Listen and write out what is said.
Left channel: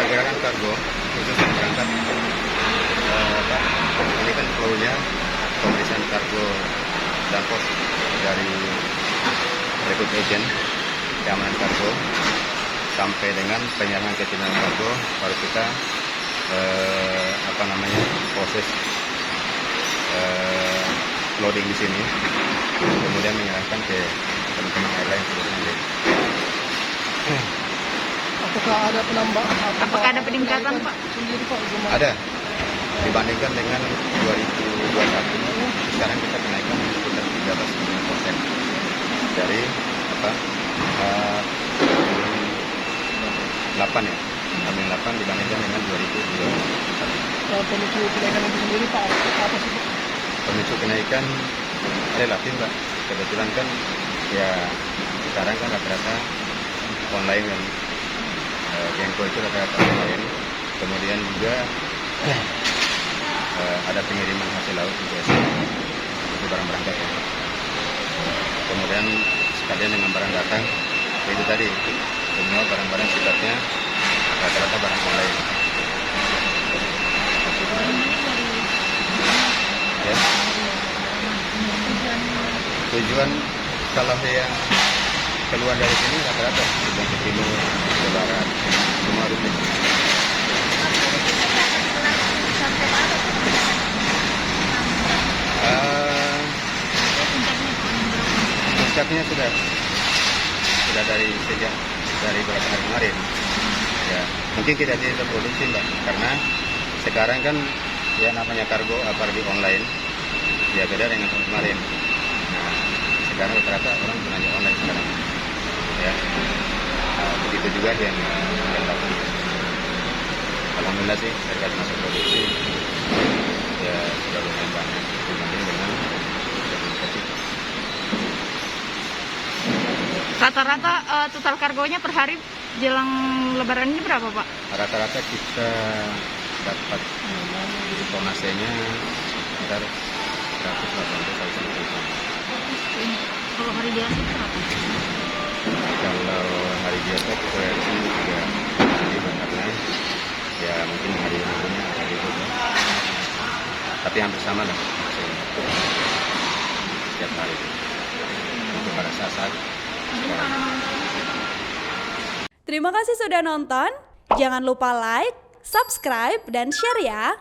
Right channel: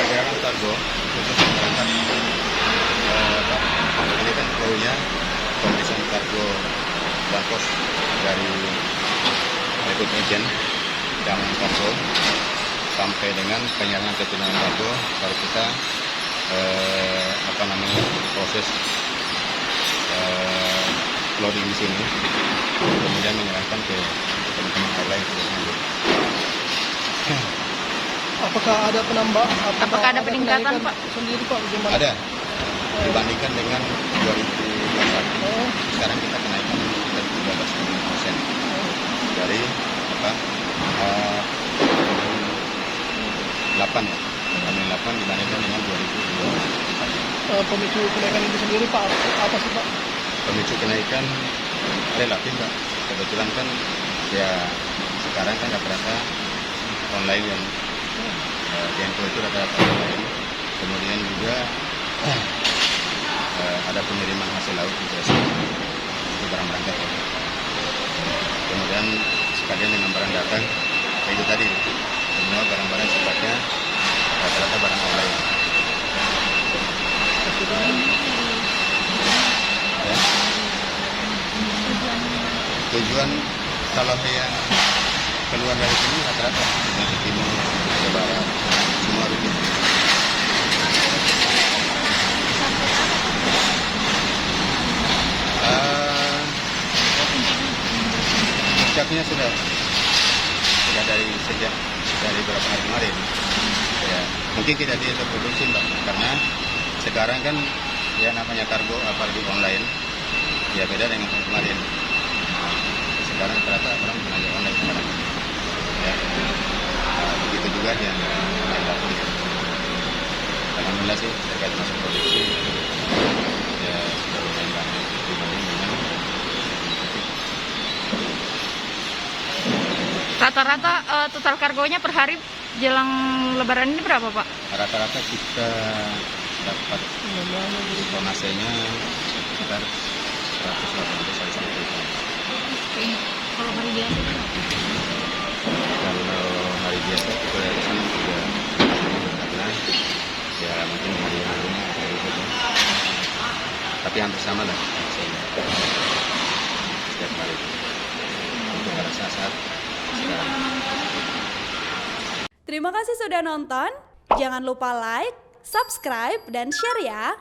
Pergerakan kargo khusus yang berangkat ini kan flow-nya pemeriksaan kargo dan pos dari rekrut agent keamanan kargo sampai dengan penyerangan keterlambatan kargo, baru kita proses loading di sini, kemudian menyerahkan ke teman-teman airline sebenarnya. Apakah ada peningkatan, Pak? Ada. Dibandingkan dengan 2021, sekarang kita kenaikan sekitar 13,5% dari 8 ya, 8 dibandingkan dengan 2021. Pemicu kenaikan itu sendiri, Pak, apa sih, Pak? Pemicu kenaikan relatif, Pak. Kebetulan kan ya sekarang kan rata-rata online yang Genko itu rata-rata online. Kemudian juga ada pengiriman hasil laut juga itu barang-barang kayak gitu. Kemudian sekalian dengan barang datang, itu tadi semua barang-barang sifatnya rata-rata barang online. Ya. Tujuan kalau yang keluar dari sini rata-rata tujuan ke timur, ke barat, semua rutin. Puncaknya sudah dari beberapa hari kemarin. Ya, mungkin kita tidak produksi, Mbak, karena sekarang kan ya namanya kargo apalagi online, ya beda dengan tahun kemarin. Nah, sekarang rata-rata orang belanja online sekarang. Ya, begitu juga yang datang. Ya. Alhamdulillah sih terkait masuk produksi ya sudah lumayan banyak dibanding dengan Rata-rata total kargonya per hari jelang Lebaran ini berapa, Pak? rata-rata kita dapat tonasenya sekitar 180 kali sampai ton. Kalau hari biasa berapa? Kalau hari biasa kita dari sini 3.000 karena ya mungkin hari minggunya hari itu, tapi hampir sama lah setiap hari untuk pada saat sekarang. Terima kasih sudah nonton. Jangan lupa like, subscribe, dan share ya.